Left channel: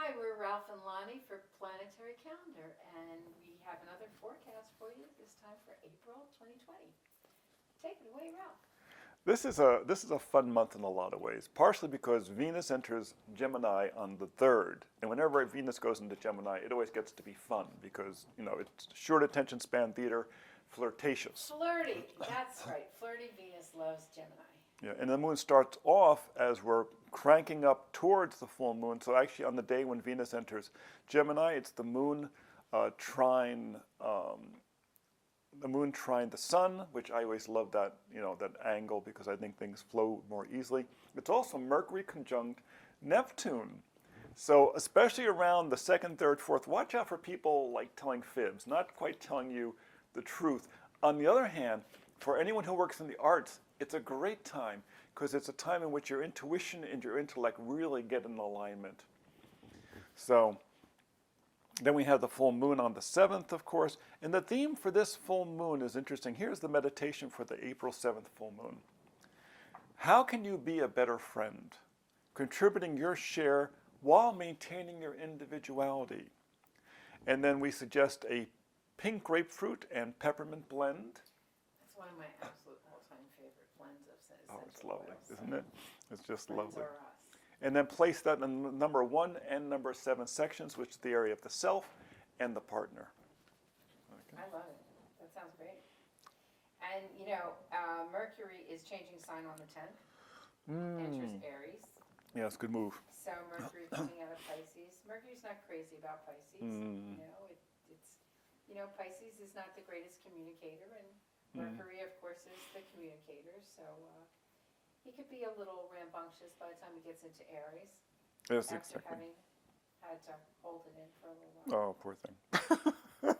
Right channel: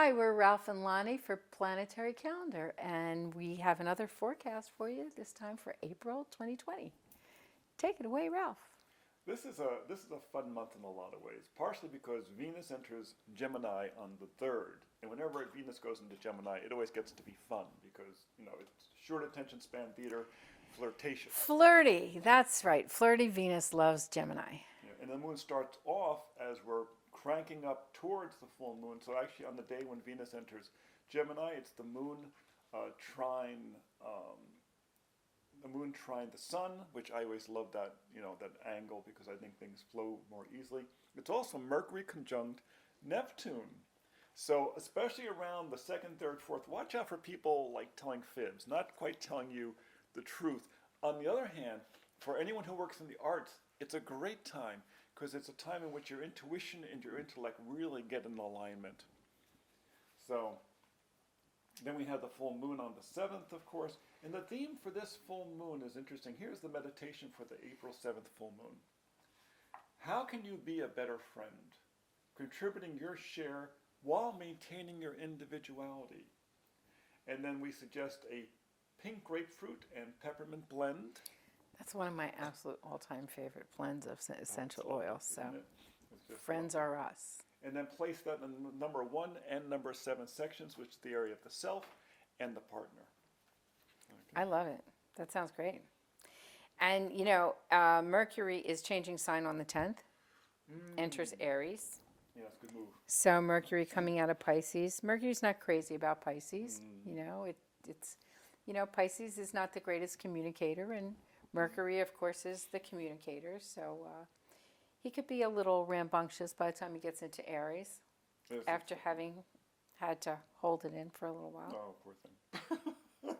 Hi, we're Ralph and Lonnie for Planetary Calendar, and we have another forecast for you, this time for April 2020. Take it away, Ralph. This is a fun month in a lot of ways, partially because Venus enters Gemini on the 3rd. And whenever Venus goes into Gemini, it always gets to be fun because, it's short attention span theater, flirtatious. Flirty, that's right. Flirty Venus loves Gemini. Yeah, and the moon starts off as we're cranking up towards the full moon. So actually on the day when Venus enters Gemini, it's the moon trine the sun, which I always love that, that angle because I think things flow more easily. It's also Mercury conjunct Neptune. So especially around the 2nd, 3rd, 4th, watch out for people like telling fibs, not quite telling you the truth. On the other hand, for anyone who works in the arts, it's a great time because it's a time in which your intuition and your intellect really get in alignment. So then we have the full moon on the 7th, of course, and the theme for this full moon is interesting. Here's the meditation for the April 7th full moon. How can you be a better friend, contributing your share while maintaining your individuality? And then we suggest a pink grapefruit and peppermint blend. That's one of my absolute all-time favorite blends of essential oils. Isn't it? It's just friends lovely. are us. And then place that in number 1 and number 7 sections, which is the area of the self and the partner. Okay. I love it. That sounds great. And, Mercury is changing sign on the 10th, enters Aries. Yes, good move. So Mercury coming out of Pisces. Mercury's not crazy about Pisces. Pisces is not the greatest communicator, and Mercury, of course, is the communicator. So he could be a little rambunctious by the time he gets into Aries, yes, after exactly. having had to hold it in for a little while. Oh, poor thing.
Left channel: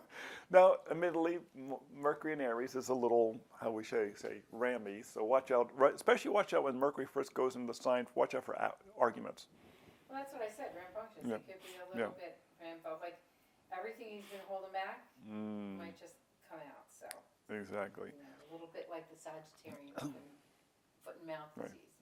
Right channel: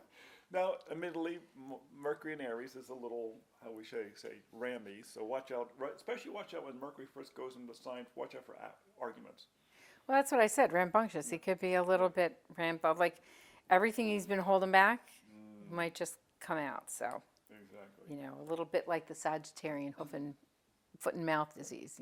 Now, admittedly, Mercury in Aries is a little, how we say, rammy. So watch out, especially watch out when Mercury first goes into the sign. Watch out for arguments. Well, that's what I said, rambunctious. Yeah. He could be a little bit rambunctious. Like everything he's been holding back might just come out. So exactly. A little bit like the Sagittarian foot and mouth disease.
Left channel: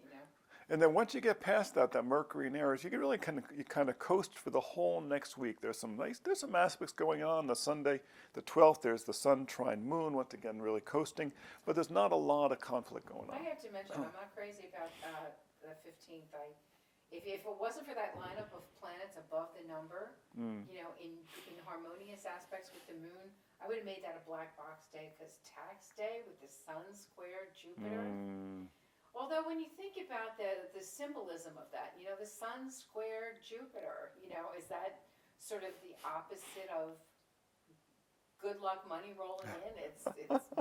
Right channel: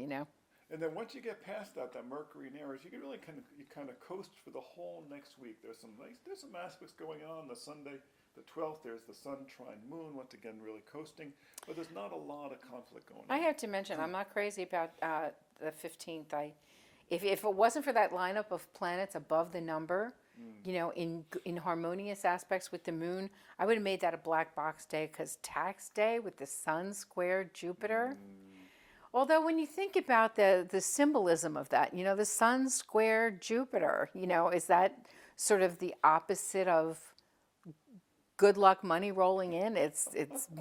And then once you get past that Mercury in Aries, you can really kind of coast for the whole next week. There's some aspects going on. The Sunday, the 12th, there's the Sun trine Moon. Once again, really coasting, but there's not a lot of conflict going on. I have to mention, I'm not crazy about the 15th. If it wasn't for that lineup of planets above the number, in harmonious aspects with the moon, I would have made that a black box day because tax day with the Sun square Jupiter. Although when you think about the symbolism of that, the Sun square Jupiter, is that sort of the opposite of good luck money rolling in? It's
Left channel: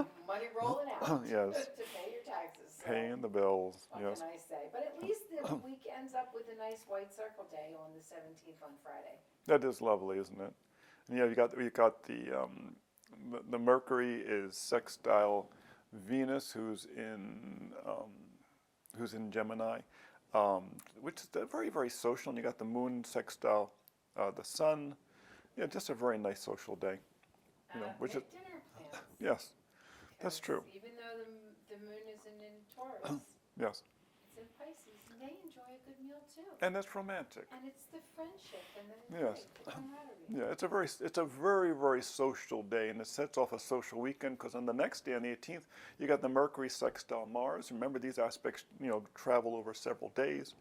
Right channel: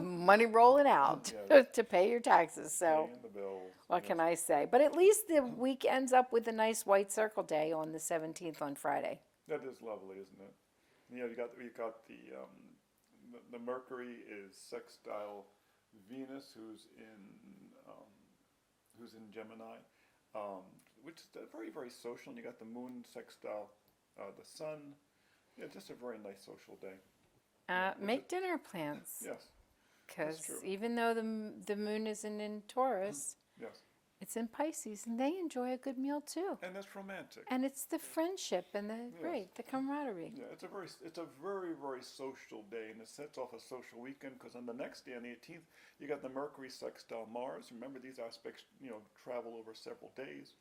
money rolling out Yes. to pay your taxes. So Paying the bills. what can I say? But at least the week ends up with a nice white circle day on the 17th on Friday. That is lovely, isn't it? And you got the Mercury is sextile Venus, who's in Gemini, which is very, very social. And you got the Moon sextile the Sun. Yeah, just a very nice social day. Make dinner plans. Yes, that's true. Even though the moon isn't in Taurus, yes, it's in Pisces, and they enjoy a good meal too. and that's romantic. And it's the friendship and the camaraderie. Yeah, it's a very, very social day, and it sets off a social weekend because on the next day, on the 18th, you got the Mercury sextile Mars. Remember, these aspects, travel over several days.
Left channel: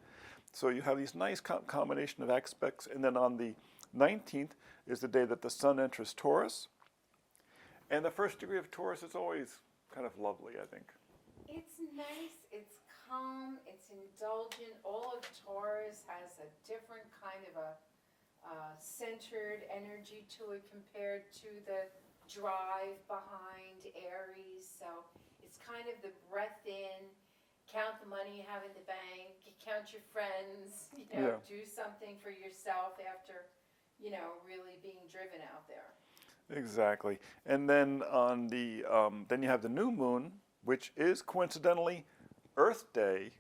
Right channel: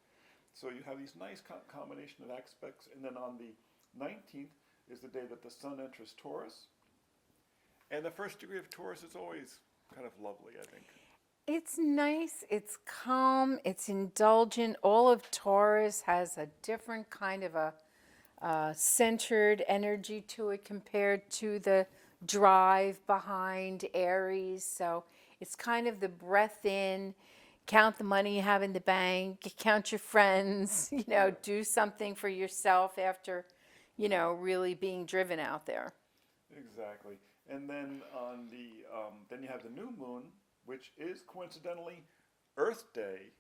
So you have these nice combination of aspects, and then on the 19th is the day that the Sun enters Taurus. And the first degree of Taurus is always kind of lovely, I think. It's nice, it's calm, it's indulgent. All of Taurus has a different kind of a centered energy to it compared to the drive behind Aries. So it's kind of the breath in, count the money you have in the bank, count your friends, do something for yourself after, really being driven out there. Exactly. And then on the then you have the new moon, which is coincidentally Earth Day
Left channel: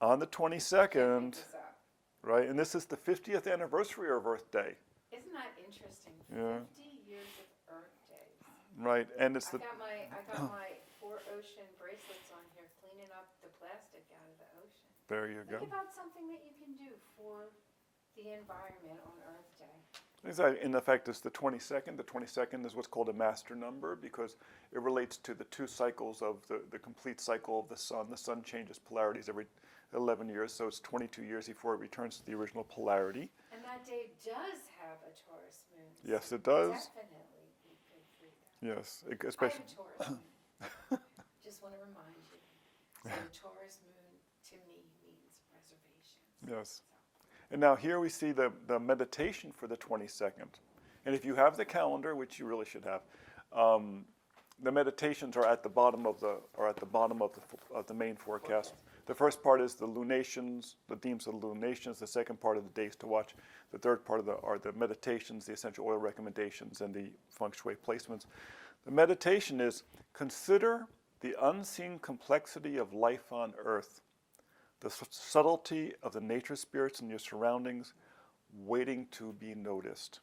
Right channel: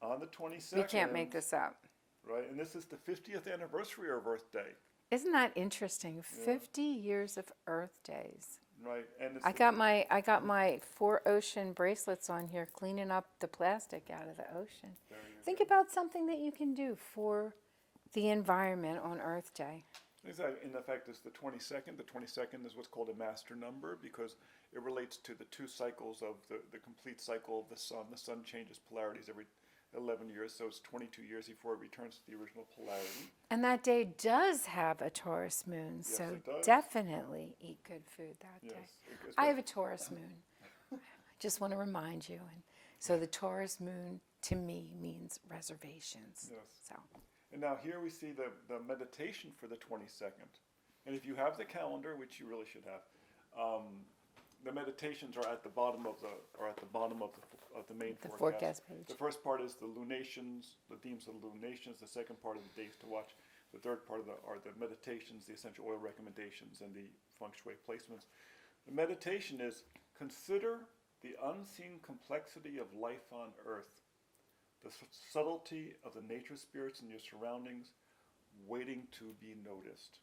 on the 22nd. You can't make this up. Right? And this is the 50th anniversary of Earth Day. Isn't that interesting? 50 years of Earth Days. Right. And it's I got my 4 ocean bracelets on here, cleaning up the plastic out of the ocean. There you Think go. about something that you can do for the environment on Earth Day. Exactly. In effect, it's the 22nd. The 22nd is what's called a master number because it relates to the two cycles of the complete cycle of the sun. The sun changes polarities every 11 years, so it's 22 years before it returns to the original polarity. And that day does have a Taurus moon. Yes, so it does. definitely eat good food that day. Yes. I have a Taurus moon. Just want to remind you. And so the Taurus moon to me means reservations. Yes. So. And now here we see the meditation for the 22nd. And if you have the calendar, which you really should have, the meditations are at the bottom of the main forecast. Page. The first part is the lunations, the themes of the lunations. The second part of the days to watch. The third part are the meditations, the essential oil recommendations, and the feng shui placements. The meditation is consider the unseen complexity of life on Earth, the subtlety of the nature spirits in your surroundings, waiting to be noticed.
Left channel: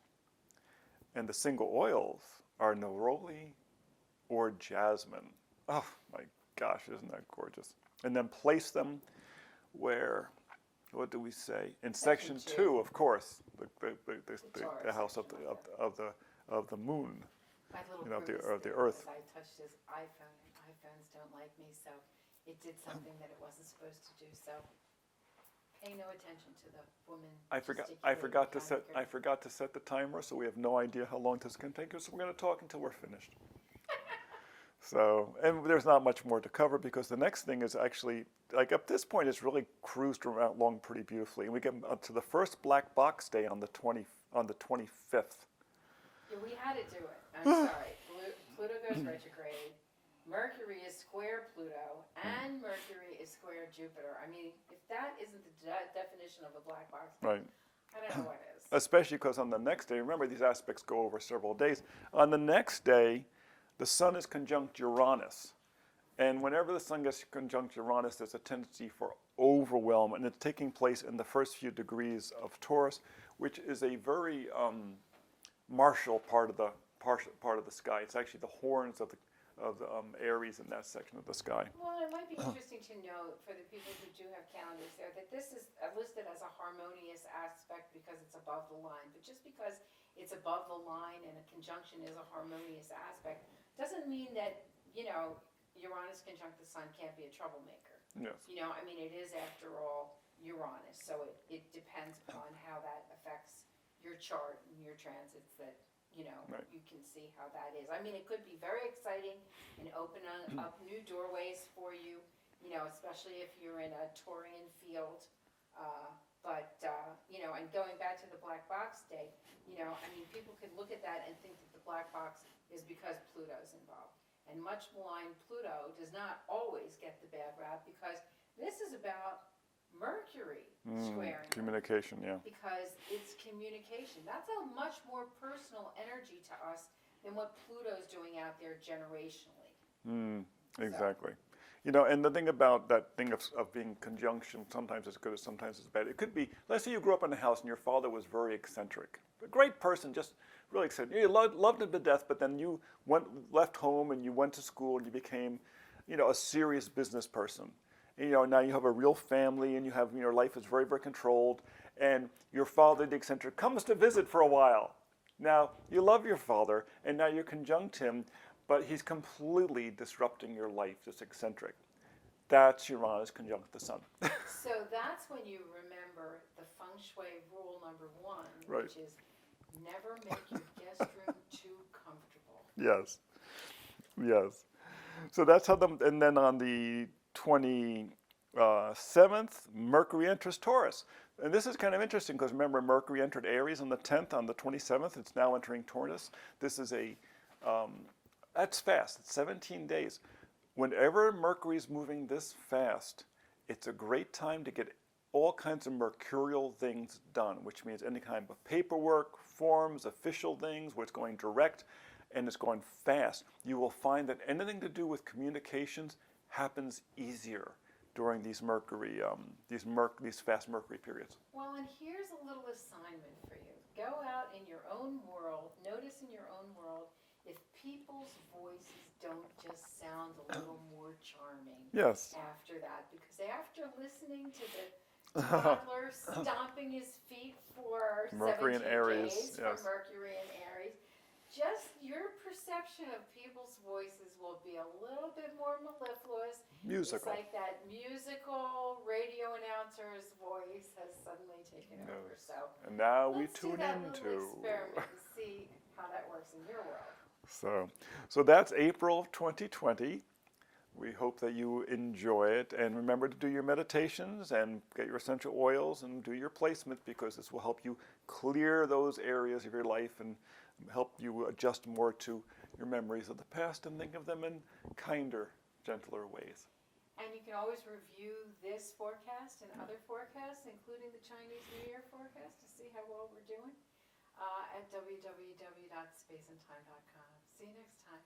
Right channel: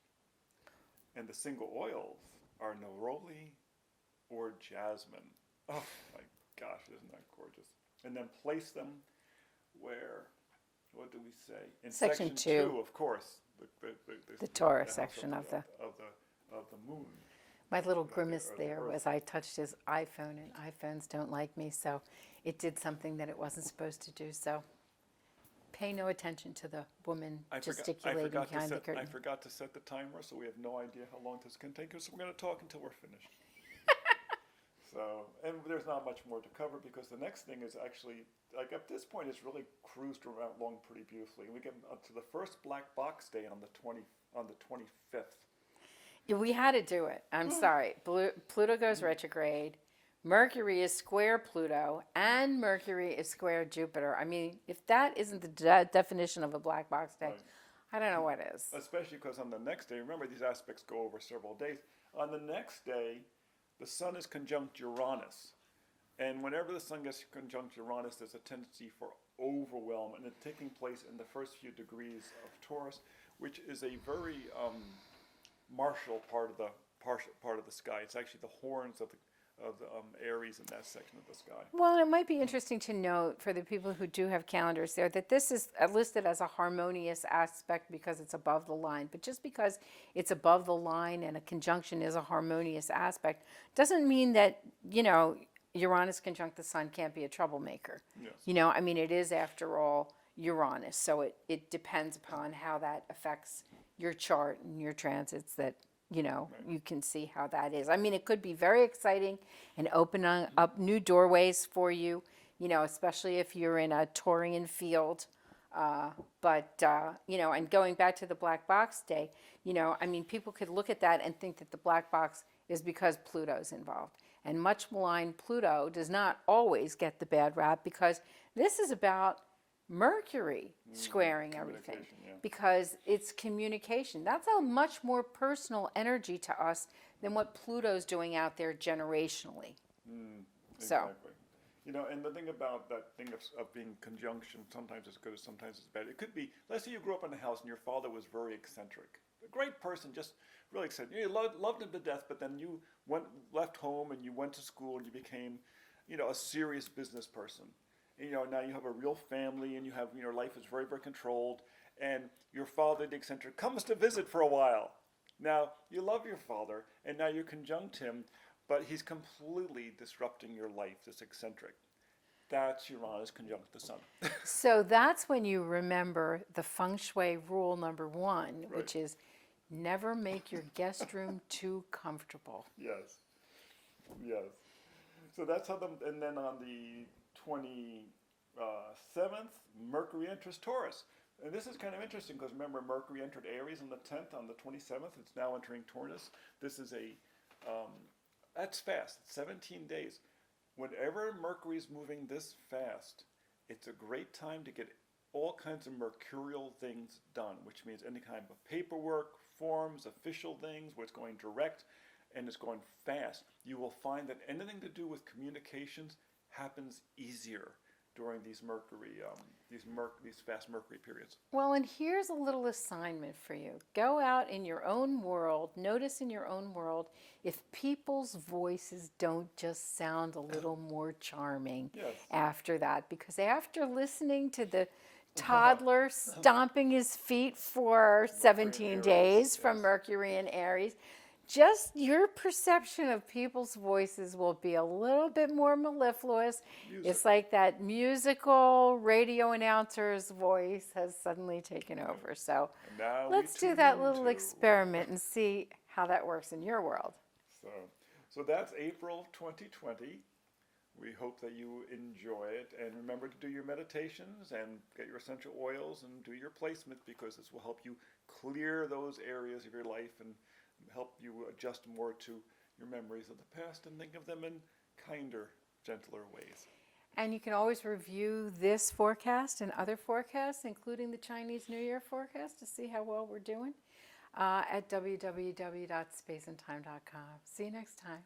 And the single oils are neroli or jasmine. Oh my gosh, isn't that gorgeous? And then place them where, what do we say? In section 2, of course. The Taurus the house section of the moon. My little grimace the there earth. was I touched his iPhone, and iPhones don't like me, so it did something that it wasn't supposed to do. So pay no attention to the woman gesticulating behind the curtain. I forgot to set the timer, so we have no idea how long this can take us. So we're going to talk until we're finished. So, and there's not much more to cover because the next thing is actually, like up this point, it's really cruised around along pretty beautifully. And we get to the first black box day on the 25th. Yeah, we had to do it. I'm sorry. Pluto goes retrograde. Mercury is square Pluto, and Mercury is square Jupiter. I mean, if that isn't the definition of a black box day, Right. I don't know what is. Especially because on the next day, remember these aspects go over several days. On the next day, the sun is conjunct Uranus. And whenever the sun gets conjunct Uranus, there's a tendency for overwhelm, and it's taking place in the first few degrees of Taurus, which is a very martial part of the sky. It's actually the horns of the Aries in that section of the sky. Well, it might be interesting to note for the people who do have calendars there that this is listed as a harmonious aspect because it's above the line. But just because it's above the line and a conjunction is a harmonious aspect doesn't mean that, Uranus conjunct the sun can't be a troublemaker. Yes. I mean, it is, after all, Uranus. So it depends upon how that affects your chart and your transits that, you can see how that is. I mean, it could be very exciting and open up new doorways for you, especially if you're in a Taurian field. And going back to the black box day, I mean, people could look at that and think that the black box is because Pluto's involved. And much maligned Pluto does not always get the bad rap because this is about Mercury squaring communication, everything. Because it's communication. That's a much more personal energy to us than what Pluto's doing out there generationally. Exactly. And the thing about that thing of being conjunction, sometimes it's good, sometimes it's bad. It could be, let's say you grew up in a house and your father was very eccentric. A great person, just really eccentric. You loved him to death, but then you left home and you went to school and you became, a serious business person. And, now you have a real family and you have, your life is very, very controlled. And your father, the eccentric, comes to visit for a while. Now, you love your father and now you conjunct him, but he's completely disrupting your life, this eccentric. That's Uranus conjunct the sun. So that's when you remember the feng shui rule number 1, Right. which is never make your guest room too comfortable. Yes. So that's how and then on the 27th, Mercury enters Taurus. And this is kind of interesting because remember, Mercury entered Aries on the 10th. On the 27th, it's now entering Taurus. This is that's fast. It's 17 days. Whenever Mercury is moving this fast, it's a great time to get all kinds of mercurial things done, which means any kind of paperwork, forms, official things, where it's going direct and it's going fast. You will find that anything to do with communications happens easier during these these fast Mercury periods. Well, and here's a little assignment for you. Go out in your own world, notice in your own world if people's voices don't just sound a little more charming Yes. after that. Because after listening to the toddler stomping his feet for Mercury and 17 Aries, days from yes. Mercury and Aries. Just your perception of people's voices will be a little bit more mellifluous. Musical. It's like that musical radio announcer's voice has suddenly taken over. So And now let's we do tune that little into- experiment and see how that works in your world. So that's April of 2020. We hope that you enjoy it, and remember to do your meditations and get your essential oils and do your placement, because this will help you clear those areas of your life and help you adjust more to your memories of the past and think of them in kinder, gentler ways. And you can always review this forecast and other forecasts, including the Chinese New Year forecast, to see how well we're doing at www.spaceandtime.com. See you next time.